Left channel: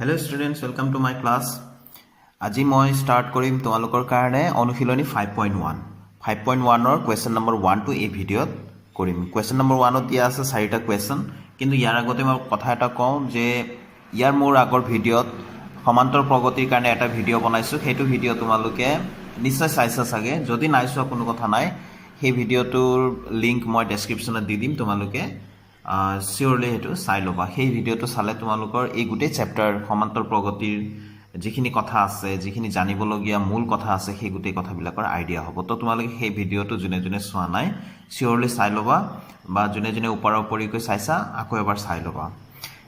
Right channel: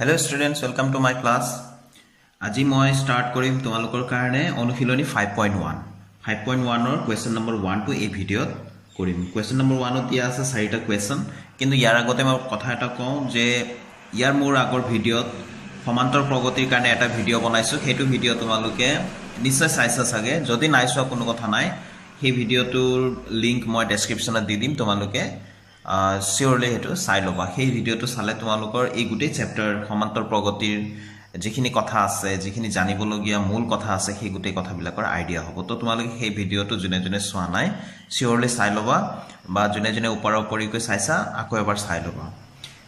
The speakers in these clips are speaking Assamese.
Hello students, welcome to my class. আজি মই স্টাৰ্ট কৰিম তোমালোকৰ কাৰণে অনুশীলনী 5.1 5.1 question number 1 to এই ভিডিওত কৰিম question number 1 ত দিয়া আছে চাৰিটা question কিন্তু ইয়াৰ আগতে মই কথা এটা কওঁ যে ইয়াৰ মোৰ আগৰ ভিডিওত সমান্তৰ প্ৰগতিৰ কাৰণে এটা ভিডিও বনাইছো সেইটো ভিডিও তোমালোকে নিশ্চয় চাইছা চাগে যদি নাইছোৱা কোনো কথা নাই সেই ভিডিওটোৰ লিংক মই ডেসক্ৰিপচনত দি দিম তোমালোকে সিওৰলি হেতু চাই লবা সেই ভিডিওটো চালে তোমালোকৰ এই গুটে চ্যাপ্টাৰ সমান্তৰ প্ৰগতিৰ যিখিনি কথা আছে যিখিনি জানিবলগীয়া মূল কথা আছে সেই গুটে কথাবিলাকৰ আইডিয়া হ'ব তো তোমালোকে সেই ভিডিওটো জুনে জুনে চোৱা নাই সিওৰলি চাই লবা বা জুনে জুনে ওপৰকৈ চাইছা আকৌ এবাৰ চাই লবা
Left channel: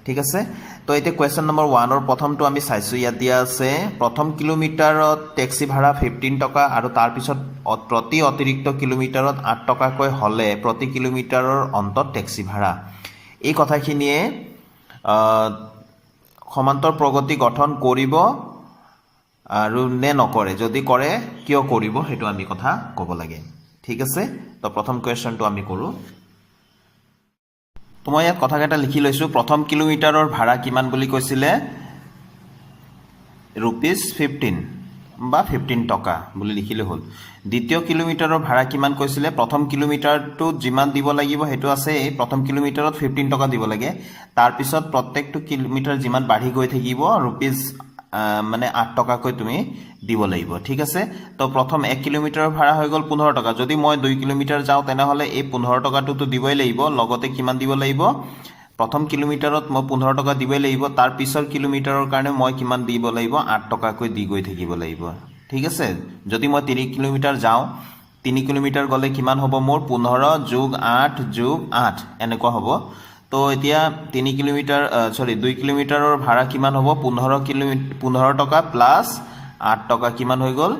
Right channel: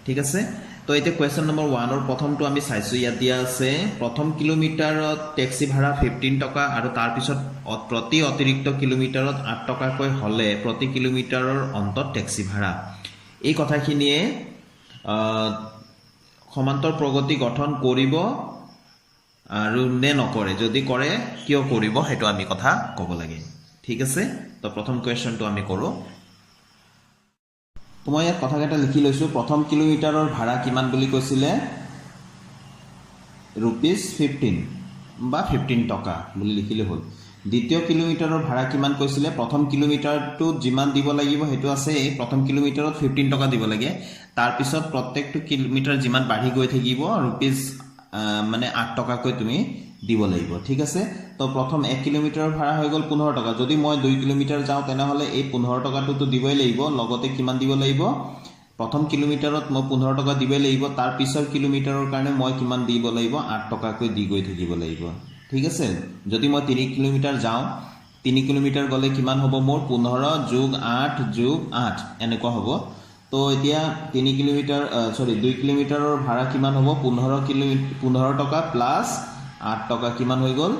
ঠিক আছে তো এতিয়া কোৱেশ্চন নম্বৰ 1 ৰ প্ৰথমটো আমি চাইছো ইয়াত দিয়া আছে প্ৰথম কিলোমিটাৰত ট্যাক্সি ভাড়া 15 টকা আৰু তাৰ পিছত প্ৰতি অতিৰিক্ত কিলোমিটাৰত 8 টকাকৈ হলে প্ৰতি কিলোমিটাৰৰ অন্তত ট্যাক্সি ভাড়া এই কথাখিনিয়ে সমান্তৰ প্ৰগতি গঠন কৰিব আৰু নে নকৰে যদি কৰে কিয় কৰিব হেতু আমি কথা ক'ব লাগে ঠিক আছে তো প্ৰথম কোৱেশ্চনটো আমি কৰো মই ইয়াত কথা কেটা লিখি লৈছো প্ৰথম কিলোমিটাৰৰ ভাড়া কিমান বুলি কৈছিলে ₹15 বা 15 টকা বুলি লিখিলে হ'ল দ্বিতীয় কিলোমিটাৰৰ ভাড়া কিমান কৈছিলে প্ৰথম কিলোমিটাৰটো যিমান দিব লাগিব হেতু আছে প্ৰথম কিলোমিটাৰত 15 টকা দিব লাগে তাৰ পিছত প্ৰত্যেকটো কিলোমিটাৰ যিমান বাঢ়ি গৈ থাকিব মানে 8 টকাকৈ তুমি দিব লাগিব ঠিক আছে তো প্ৰথম 1 কিলোমিটাৰৰ ভাড়া হৈ গল 15 টকা যদি মই 2 কিলোমিটাৰ যাও তেনে হলে এই 15 টকাটো তো দিবই লাগিব লগতে কিমান দিব লাগিব প্ৰথম কিলোমিটাৰত মই 15 টকা দিবই লাগিব তাৰ পিছৰ কিলোমিটাৰৰ কাৰণে মই কিমান দিব লাগিব 8 টকাকৈ দি গৈ থাকিব লাগিব ঠিক আছে যদি মই 3 কিলোমিটাৰ যাও 3 কিলোমিটাৰ গলে কিমান হ'ব মোৰ 15 + 8 + 8 এনেকুৱা হ'ব তো এতিয়া 3 কিলোমিটাৰ 2 কিলোমিটাৰৰ ভাড়া কিমান হ'ব 15 টকা প্লাস 8 টকা কিমান হৈ গল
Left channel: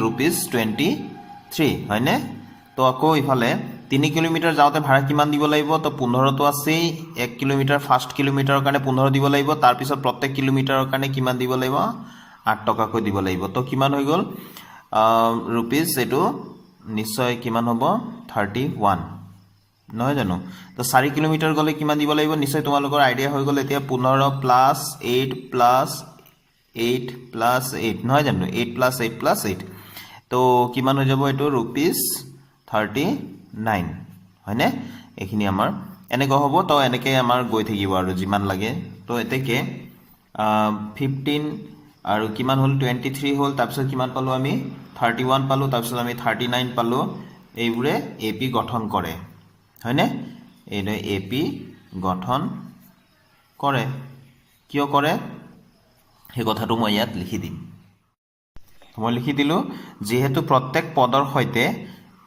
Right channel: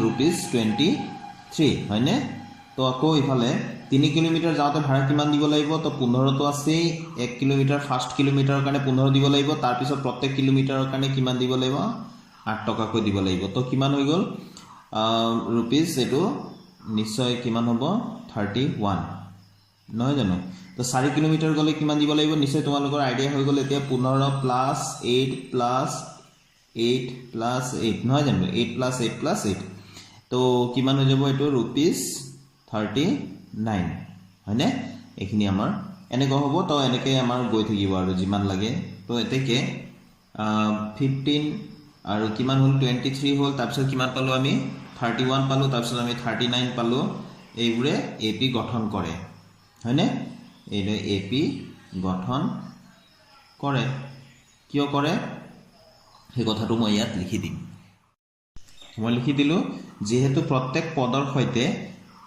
₹23 হয়নে তো আকৌ ইফালে 3 কিলোমিটাৰ যাওতে ভাড়া কিমান দিব লাগিব তো 15 তো আছে 1 কিলোমিটাৰ ফাৰ্স্ট কিলোমিটাৰৰ কাৰণে 15 দিব লাগিব তাৰ পিছত প্ৰত্যেক কিলোমিটাৰৰ কাৰণে কিমান দিব লাগিব 8 টকাকৈ দিব লাগিব তো কিমান হৈ গল रुपीस এটো নিশ্চয় কিমান হ'ব 31 নহয় জানো তো 4 কিলোমিটাৰ গলে কিমান দিব লাগিব নিশ্চয় তোমালোকৰ আইডিয়া হৈ গল এতিয়া 15 + 8 + 8 + 8 নহয় জানো 8 + 8 + 8 তো কিমান হৈ যাব এটো ₹39 হয়নে এখিনি আমাৰ এনেকৈ হ'ব তো এনেকৈ আমাৰ গৈ থাকিব আৰু যিমান লাগে তো এতেকে 15 আৰু কিমান হল 23 হল তাৰ পিছত কিমান পালো আমি 31 পালো তাৰ পিছত আমি 39 পালো এইবোৰে এপি গঠন কৰে হয়নে এইটো এপি গঠন কৰে কিয় কৰে এই কথাটো মই ইয়াত লিখি দিম মই লিখি দিলো যেহেতু প্ৰত্যেক পদৰ সৈতে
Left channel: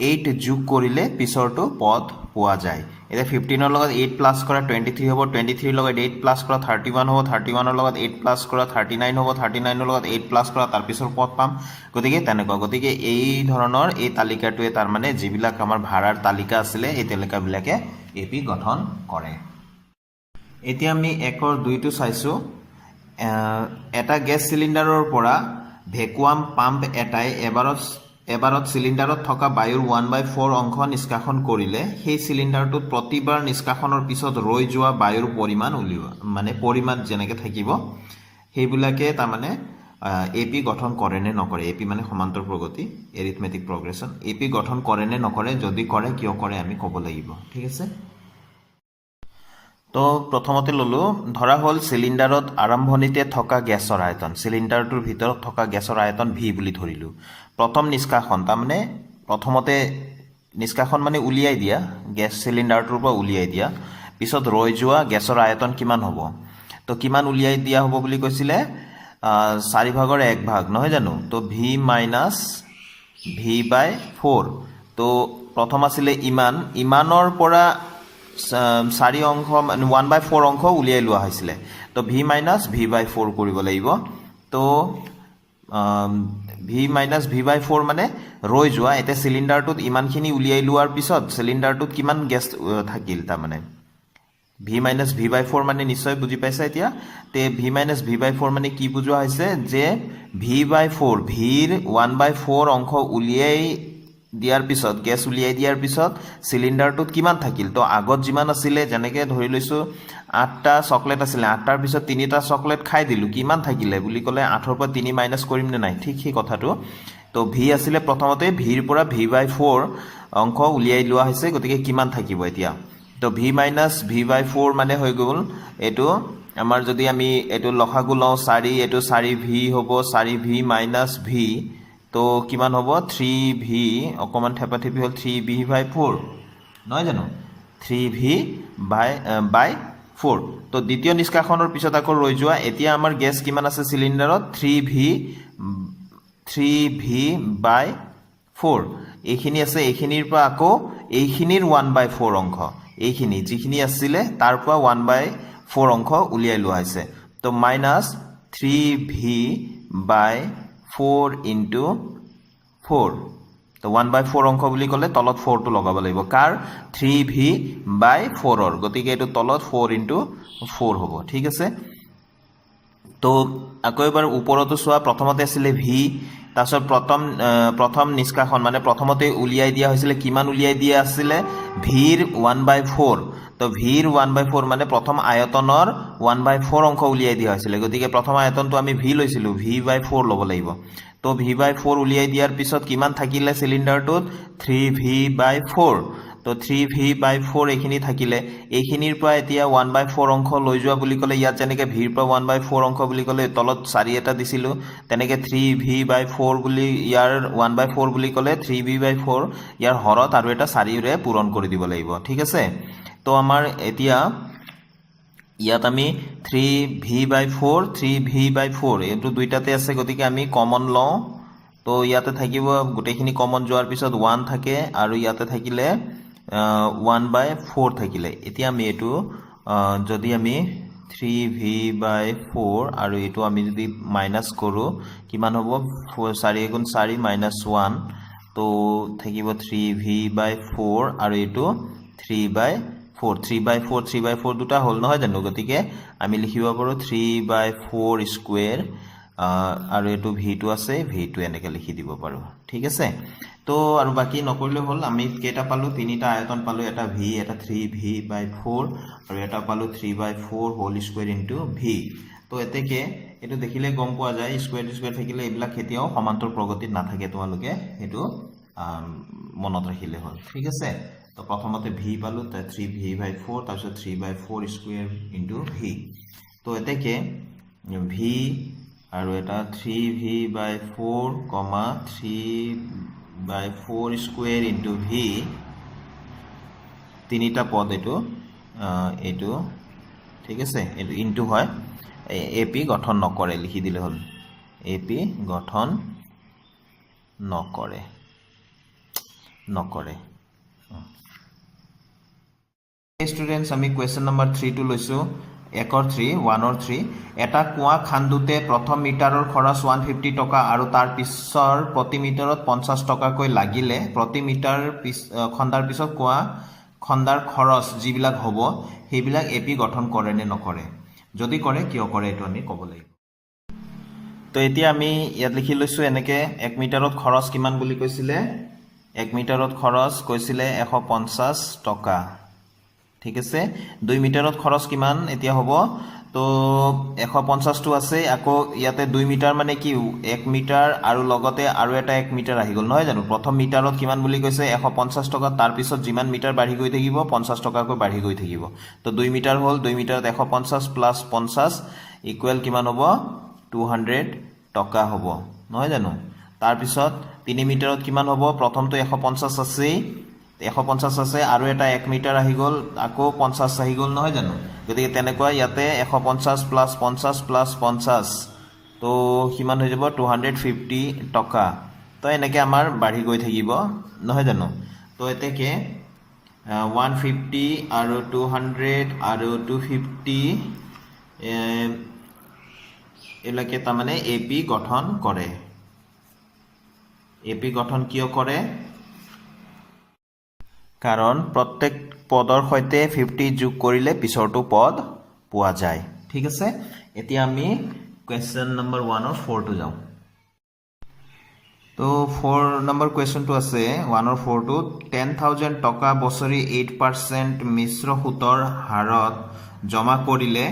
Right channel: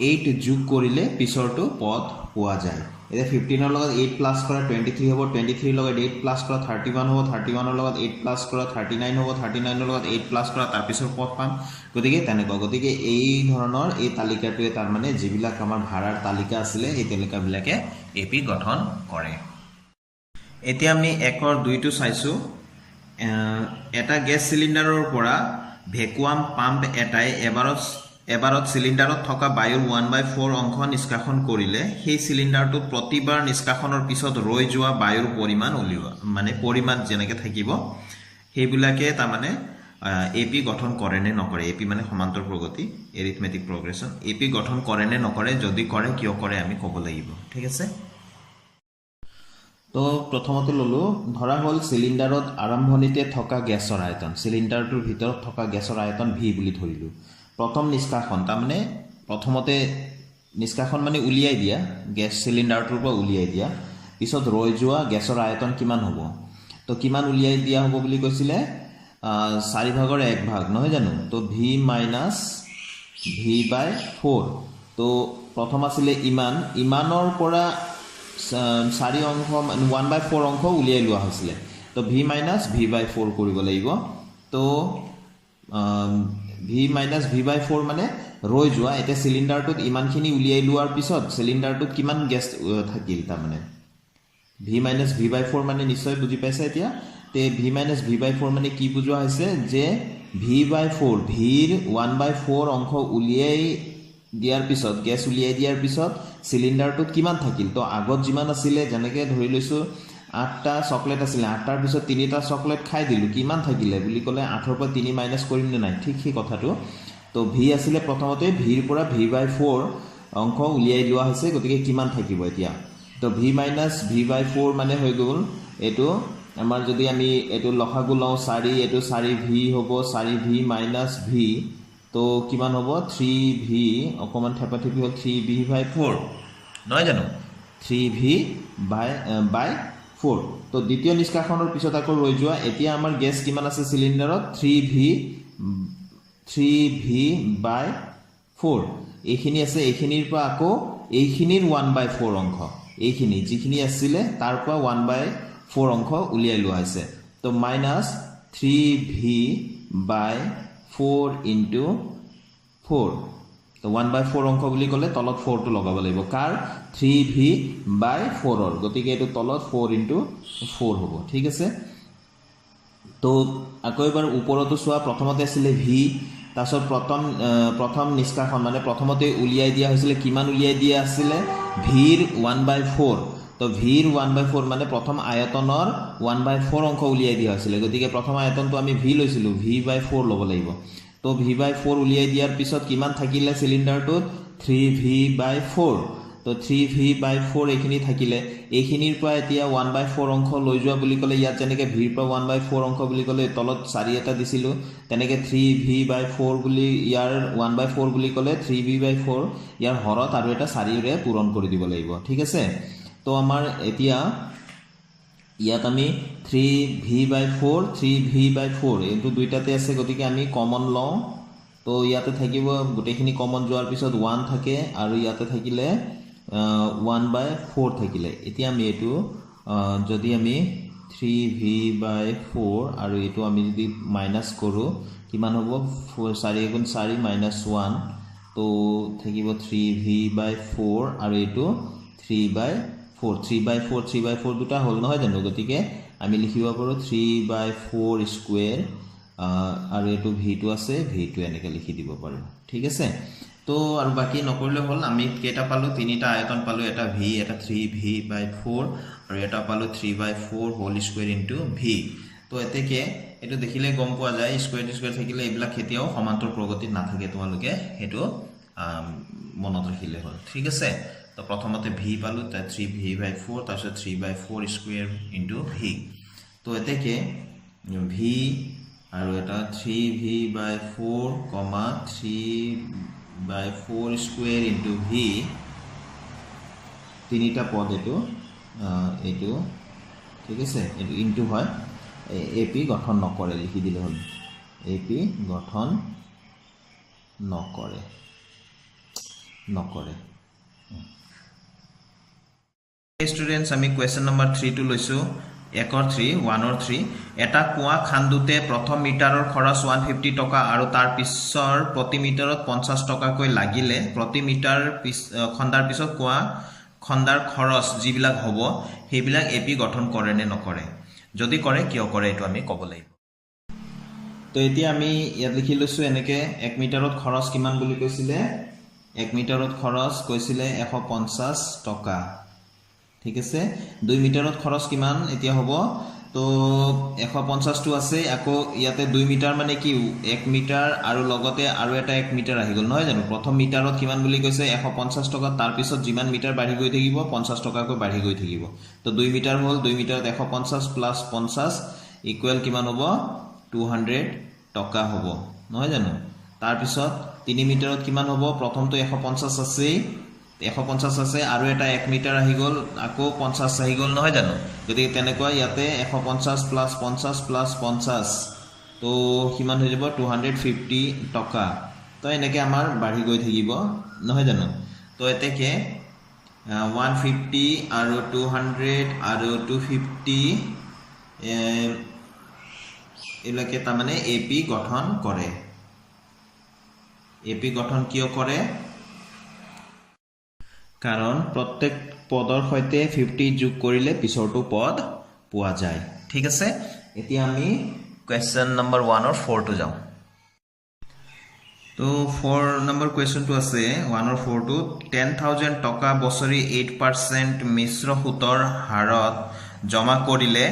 8 যোগ কৰিলে পিছৰটো পদ পোৱা যায় এটা 15 ৰ লগত 8 প্লাস কৰা 23 হ'ব 23 ৰ লগত 8 প্লাস কৰা 31 হ'ব 31 ৰ লগত 8 প্লাস কৰা 39 হ'ব 39 ৰ লগত 8 প্লাস কৰা তাৰ পিছৰ পদ পাম গতিকে তেনেকুৱা গতিকে এই ধৰণৰ এই তালিকাটোৱে তাৰ মানে যিবিলাক আমাৰ ভাড়াৰ তালিকা আছিল এই তালিকাবিলাকে এপি গঠন কৰে এতিয়া আমি 1 ৰ 2 টো চাইছো এটা গ্যাস সিলিন্ডাৰৰ পৰা ভ্যাকুয়াম পাম্প এটাই এবাৰত সিলিন্ডাৰত থকা বায়ুৰ 1/4 অংশ নিষ্কাশন কৰিলে সেই সিলিন্ডাৰটোত প্ৰতিবাৰ নিষ্কাশনৰ পিছত ৰৈ যোৱা বায়ুৰ পৰিমাণ উলিওৱা মানে পৰিমাণ যেনেকৈ থাকিব সেইবিলাকে তাৰ মানে এপি গঠন কৰে নে নকৰে এপি মানে সমান্তৰ প্ৰগতি এৰিথমেটিক প্ৰগ্ৰেছন এপি গঠন কৰে নে নকৰে যদি কৰে কিয় কৰে আমি ক'ব লাগিব ঠিক আছে তো প্ৰথমতে ললো ধৰা হল সিলিন্ডাৰত আৰম্ভণিতে থকা গ্যাসৰ আয়তন সিলিন্ডাৰটোৰ ভিতৰত থকা গ্যাসৰ আয়তন ভি বুলি ধৰিলো প্ৰথম নিষ্কাশন তাৰ মানে প্ৰথমতে নিষ্কাশন মানে উলিয়াই দিয়া গ্যাস সিলিন্ডাৰটোৰ পৰা উলিয়াই দিয়া পিছত ৰৈ যোৱা গ্যাসৰ আয়তন কিমান হ'ব তো কিমান উলিয়াই দিয়া হ'ব বুলি কৈছিলে 4/1 ভাগ নহয় জানো তো v/v/4 তো প্ৰথম আছিল ইমানৰ পৰা 4 অংশ 1/4 অংশ উলিয়াই লোৱা হৈছিল তো v/v/4 কৰিব লাগিব তো v/v/4 মানে ৰৈ যোৱা এটা সিলিন্ডাৰটোত ইমানখিনি উলিয়াই লোৱাৰ পিছত সিলিন্ডাৰটোত কিমান গ্যাস থাকিল তাৰ মানে v/v/4 মানে নিশ্চয় বুজি পাইছা এতিয়া তে v/v/4 মানে কি বুজোৱা হৈছে যে v/4 ভিৰ 1/4 অংশ উলিয়াই দিয়াৰ পিছত গ্যাস উলিয়াই দিয়াৰ পিছত সিলিন্ডাৰটোত কিমান থাকিল তো আগত যিমান আছিল যেনেকৈ ধৰি লৈছো 8টা চকলেট আছিলে 8টাৰ পিছত 3টা চকলেট খাই দিলোঁ কিমান থাকিলে বুলি ক'লে 8ৰ পৰা 3 মাইনাছ কৰিম নে নাই ঠিক সেই কথাটো তো ভি আছিলে প্ৰথমতে ভিৰ পৰা v/4 অংক উলিয়াই লোৱা হৈছে গতিকে কিমান থাকিব এতিয়া তো v/v/4 মানে হৈ গ'ল এটো আমাৰ যদি আমি এটো লসাগু লওঁ 4 এটো 4v হ'ব 4v - v তো কিমান হ'ব 3v অকমান থেপাথেপি হ'ল 3v/4 নহয় জানো 3v/4 তো দ্বিতীয় নিষ্কাশনৰ পিছত আকৌ ৰৈ যোৱা এতিয়া আমাৰ গেছ কিমান আছে সিলিন্ডাৰত 3v/4 এইখিনি আছে এইখিনিৰ পৰা আকৌ এইখিনিৰ 1/4 অংশ এইখিনি যিখিনি আছিলে তাৰ পৰা 1/4 অংশ উলিয়াই লোৱা হৈছে তো মাইনাস 3v/4 ইনটু 4 তো 1/4 অংক বুলি ক'লে তলত 4 টো লগাব লাগিব কাৰ 3v/4 ৰ গতিকে এটো তলত 4 ইনটু 4 হ'ব ঠিক আছে তো আকৌ এবাৰ ওপৰতো চোৱা প্ৰথমতে আছিল v তাছত প্ৰথম নিষ্কাশন মানে প্ৰথমতে উলিয়াই দিয়া হৈছিল কিমান উলিয়াই দিয়া আছিল ভিৰ 1/4 তো ভিৰ 1/4 মানে প্ৰথম আয়তনৰ 1/4 অংক উলিয়াই দিয়া হৈছিল গতিকে প্ৰথম আয়তনটো আমি v লৈছিলো v/4 ল'ব লাগিব তো v/4 উলিয়াই দিয়াৰ পিছত কিমান থাকিলে সিলিন্ডাৰটোত 3v/4 তো 3v/4 এইখিনি থাকিলে এইখিনিৰ পৰা এতিয়া 1/4 অংক লৈ যোৱা বুলি ক'লে ইয়াত যেনেকে ভিৰ পৰা 1/4 অংক বুলি ক'লে তলত 4 এটা দিছিলো তেনেকে 3v/4 বুলি ইয়াৰ 1/4 বুলি ক'লে 3v/4 ইয়াৰ হৰত আৰু এটা 4 ৰে পূৰণ কৰি দিব লাগিব ঠিক আছে তো আমাৰ এতিয়া ইয়াত আমি 3v/4 এইটো দুইটাতে আছে গতিকে আমি কমন লওঁ তো ইয়াতে থাকিব গোটেইখিনি কমন যোৱাৰ পিছত 1 থাকে আৰু ইয়াতে থাকিলে 1/4 থাকিলে এতিয়া আমি এটো যদি আমি 3v/4 আৰু এটো আমি যদি মাইনাস কৰো কিমান হ'ব 4 * 4 - 1 তো থাকিব 3v/4 আৰু এটো 3/4 দুটা হল নহয় জানো গতিকে আমি লিখিব পাৰো 3/4 স্কয়াৰ আৰু এটো v2 আছে v2 এনেকে লিখি দিব পাৰো ঠিক আছে তো আৰু বাকি নকৰিলে হল আমি কেটা পালো তিনিটা আয়তন পালো এটা v এটা 3v/4 আৰু এটা পালো 3/4 হোল স্কয়াৰ ইনটু v তো এতেকে এটো দেখিলে গম পোৱা যায় স্কয়াৰ থাকিলে এইবিলা খেতিয়াও সমান্তৰ প্ৰগতিত নাথাকে তোমালোকে হেতু মনত ৰাখিলে হল ঠিক আছে তো প্ৰথমতে v পালো তা 3v/4 তাৰপিছত 3/4 স্কয়াৰ ইনটু v তো এতেকে v আৰু এটা 3v/4, 3/4 স্কয়াৰ ইনটু v তিনিটা পদ এটো ঠিক আছে এটো ইনটু হয় ap গঠন নকৰে লিখি দিলে হল ap গঠন নকৰে স্টুডেন্টস আমি কোয়েশ্চন নাম্বাৰ 3 টু লৈছো 1 3 এটা কুয়া খান্দুতে প্ৰথম মিটাৰৰ খৰচ 150 টকা আৰু তাৰ পিছৰ প্ৰতি মিটাৰত 50 টকাকৈ লাগিলে প্ৰতি মিটাৰ খন্দাৰ পিছত কুয়া খন্দাৰ খৰচ যিবিলাক হ'ব সেইবিলাক এপি গঠন কৰে নে নকৰে যদি কৰে কিয় কৰে এটো আমি ক'ব লাগিব তো এতিয়া আমি ইয়াত লিখি লৈছো এনেকে 1 মিটাৰত খৰচ কিমান বুলি কৈছিলে 1 মিটাৰত খৰচ কৈছিলে 150 টকা ঠিক আছে 2 মিটাৰত খৰচ কিমান এতিয়া হ'ব তো 150 টো আছে আকৌ ইয়াতে 2 মিটাৰ মানে কি 1 মিটাৰ আৰু লগতে আৰু এটা 1 মিটাৰ আহি গল নহয় জানো প্ৰথম মিটাৰত কিমান বুলি কৈছে 150 টকা তাৰ পিছত যিমান মিটাৰ বাঢ়ি গৈ থাকিব 50 টকাকৈ বাঢ়ি গৈ থাকিব তো 2 মিটাৰ হ'ল 2 মিটাৰত 150 প্লাস 50 ইকুৱেল কিমান হ'ব 200 টকা হ'ব নহয় জানো তাৰ পিছত 3 মিটাৰত কিমান হ'ব প্ৰথমটো 150 আছে 150 আছে আৰু এটা 1 মিটাৰ আহি গল আকৌ 50 আহি গল নহয় জানো গতিকে তেনেকুৱা ইয়াতে 150 প্লাস 50 প্লাস 50 তো কিমান হৈ যাব 250 টকা তো এনেকে আমাৰ বাঢ়ি গৈ থাকিব নহয় জানো তো এতেকে 150 আৰু 200 আৰু 250 এলাকে তা মানে এপি গঠন কৰে এপি গঠন কিয় কৰে কাৰণ প্ৰত্যেক পদৰ সৈতে 50 যোগ কৰিলে পিছৰটো পদ পোৱা যায় ঠিক আছে এতিয়া আমি কোয়েশ্চন নাম্বাৰ 1 और 4 টু যাও তো 4 নম্বৰ কোয়েশ্চনটো আছে 1 और 4 টু 10000 টকা বছৰি 8% মিশ্ৰ সুতৰ হাৰত জমা কৰিলে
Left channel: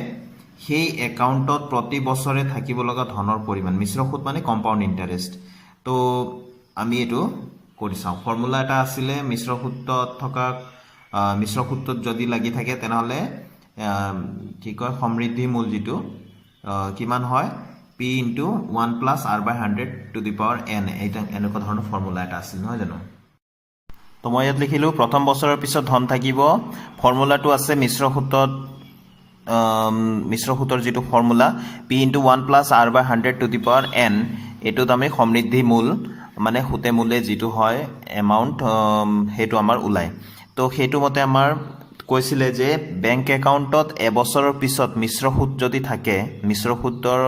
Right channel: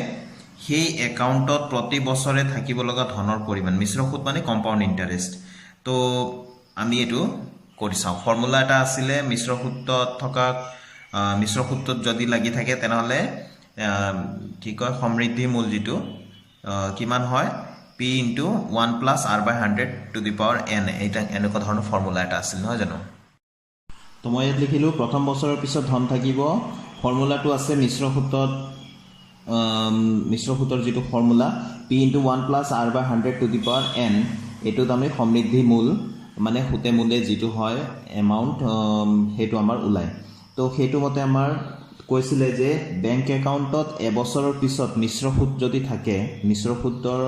সেই একাউণ্টত প্ৰতি বছৰে থাকিব লগা ধনৰ পৰিমাণ মিশ্ৰ সুদ মানে কম্পাউণ্ড ইণ্টাৰেষ্ট তো আমি এইটো কৰি চাওঁ ফৰ্মুলা এটা আছিলে মিশ্ৰ সুদত যদি লাগি থাকে তেনেহ'লে কি কয় সমৃদ্ধি মূল যিটো কিমান হয় p into 1 plus r by 100 to the power n এইটা এনেকুৱা ধৰণৰ ফৰ্মুলা এটা আছিল নহয় জানো তো মই ইয়াত লিখিলোঁ প্ৰথম বছৰৰ পিছত ধন থাকিব ফৰ্মুলাটো আছে মিশ্ৰ সুতৰ যিটো formula p into 1 plus r by 100 to the power n এইটোত আমি সমৃদ্ধি মূল মানে সুতে মূলে যিটো হয় এমাউণ্ট সেইটো আমাৰ ওলায় তো সেইটো মতে আমাৰ কৈছিলে যে বেংক একাউণ্টত এবছৰৰ পিছত মিশ্ৰ সুদ যদি থাকে মিশ্ৰ সুদৰ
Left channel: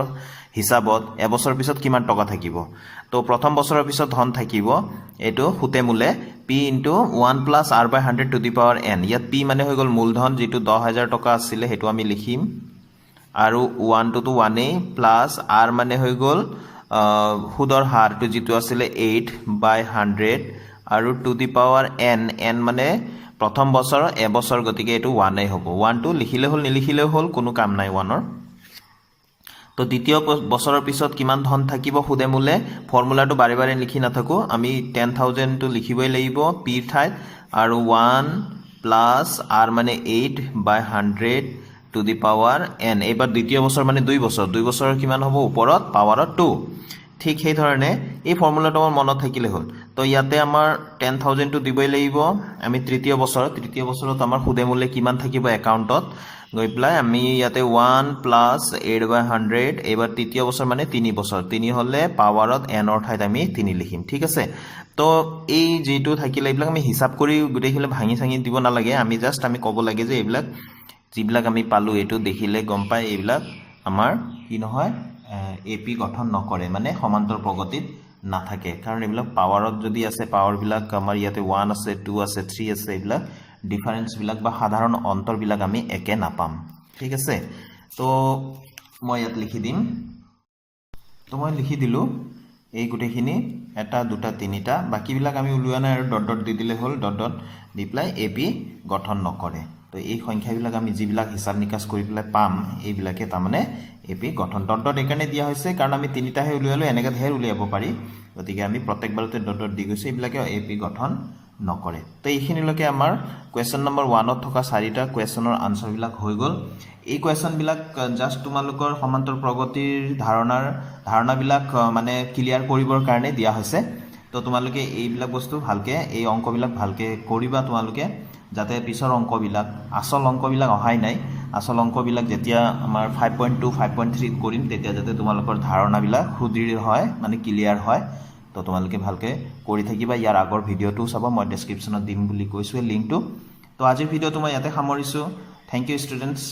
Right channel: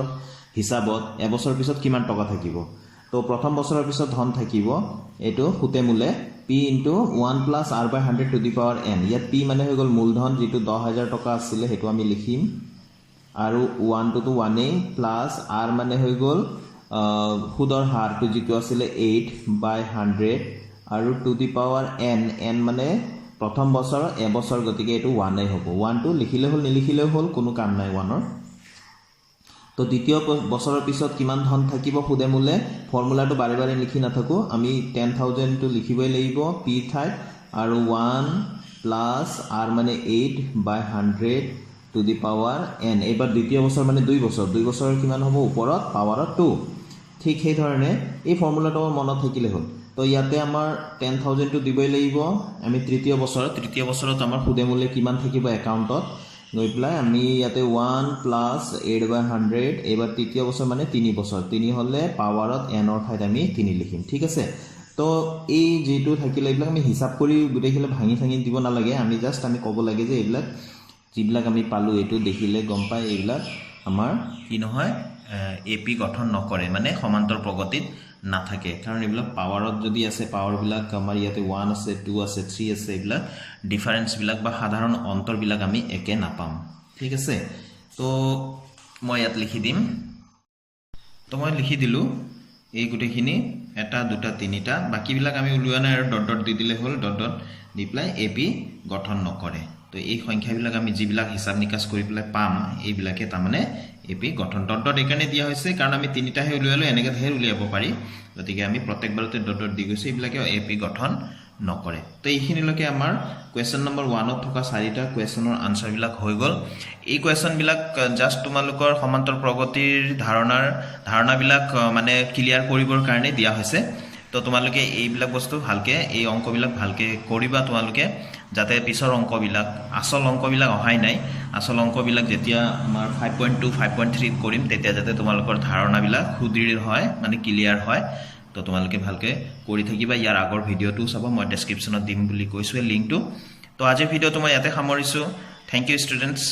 হিচাপত এবছৰৰ পিছত কিমান টকা থাকিব তো প্ৰথম বছৰৰ পিছত ধন থাকিব এইটো সুতে মূলে p into 1 plus r by 100 to the power n ইয়াত p মানে হৈ গ'ল মূলধন যিটো 10,000 টকা আছিলে সেইটো আমি লিখিম আৰু 1 টো 1 প্লাছ r মানে হৈ গ'ল সুদৰ হাৰটো যিটো আছিলে 8 বাই 100 আৰু টু দি পাৱাৰ n মানে প্ৰথম বছৰ এবছৰ গতিকে এইটো 1 হ'ব 1 টো লিখিলে হ'ল নিলিখিলে হ'ল কোনো কাম নাই 1 ৰ তো দ্বিতীয় বছৰৰ পিছত কিমান ধন থাকিব সুদে মূলে ফৰ্মুলাটো বাৰে বাৰে লিখি নাথাকো আমি 10,000 টো লিখিবই লাগিব p ঠাইত আৰু 1 প্লাছ r মানে 8 বাই 100 টু দি পাৱাৰ n এবাৰ দ্বিতীয় বছৰ মানে 2 বছৰৰ কিমান হ'ব ওপৰত পাৱাৰত 2 ঠিক সেই ধৰণে এই ফৰ্মুলাটো আমাৰ মনত থাকিলে হ'ল তো ইয়াতে আমাৰ 10,000 টো দিবই লাগিব আমি তৃতীয় বছৰত আমাৰ সুদে মূলে কিমান থাকিব একাউণ্টত গৈ প্লাই আমি ইয়াতে 1 প্লাছ 8 বাই 100 এবাৰ তৃতীয় বছৰ মানে 3 বছৰ 3 হলে পাৱাৰত n ৰ ঠাইত আমি 3 লিখিম ঠিক আছে তো এই যেটো থাকিলে এইবিলাক আমি হিসাব কৰি গুটেইখিলে ভাঙি দিব নালাগে আমি জাস্ট আমি ক'ব লাগে যে এইবিলাক যিবিলাক আমি পালো এটো দেখিলে গম পাই এইবিলাক আমাৰ কি নহয় এপি গঠন নকৰে মানে সমান্তৰ প্ৰগতিত নাথাকে কাৰণ এইবিলাক পাৱাৰত যদি আছে পাৱাৰ বিলাক আমাৰ ইয়াতে 1 আছে 2 আছে 3 আছে এইবিলাক ডিফাৰেন্স বিলাক বা সাধাৰণ অন্তৰ বিলাক আমি একে নাপাম ঠিক আছে তো মই ইয়াত লিখি দিম তো মই লিখি দিলো এই গুটেখিনি এটা দুটা তিনিটা বাকি বিলাক আমি উলিওৱা নাই আৰু ডট ডট দি দিলে হ'ল ডট ডট দি প্লাই এপি গঠন নকৰে তো এই সংখ্যা বিলাক আমি যিবিলাক হিসাব নিকাশ কৰি প্লাই পাম এইবিলাকে তাৰমানে এপি গঠন ডট ডট একাৰণে দিয়া হৈছে কাৰণ আমি তিনিটাহে উলিয়ালো এনেকৈ ধেৰ উলিয়াব পাৰি গতিকে আমি প্ৰত্যেকবাৰতে ডট ডট দি গৈছো এইবিলাকে এপি গঠন নকৰে তো এইখিনিলৈকে আমাৰ কোৱেশ্চন নম্বৰ 1 ত থকা 4টা কোৱেশ্চনৰ আনসাৰ বিলাক হৈ গল এই কোৱেশ্চন বিলাক জাস্ট তোমালোকৰ সমান্তৰ প্ৰগতিৰ ধাৰণা বিলাক মানে ক্লিয়াৰ কৰিবৰ কাৰণে দিয়া হৈছে তো তোমালোকে এইবিলাক বস্তু ভালকে এই অংকবিলাক ভালকে কৰিবা তোমালোকে যাতে পিছৰ অংকবিলাক আসল অংকবিলাক অহাই নাই আসল অংকবিলাক যেতিয়া আমাৰ 5.2 5.3 কৰিম তেতিয়া যাতে তোমালোকৰ ধাৰণাবিলাক সুদৃঢ় হয় মানে ক্লিয়াৰ হয় তো তোমালোকে ভালকে কৰি থাকিবা ইয়াৰ আগৰ ভিডিওটো চাবা মই ডেসক্ৰিপচনত দিম বুলি কৈছো লিংকটো তো আজিৰ ভিডিওটো মই ইয়াতে সামৰিছো থ্যাংক ইউ ষ্টুডেন্টস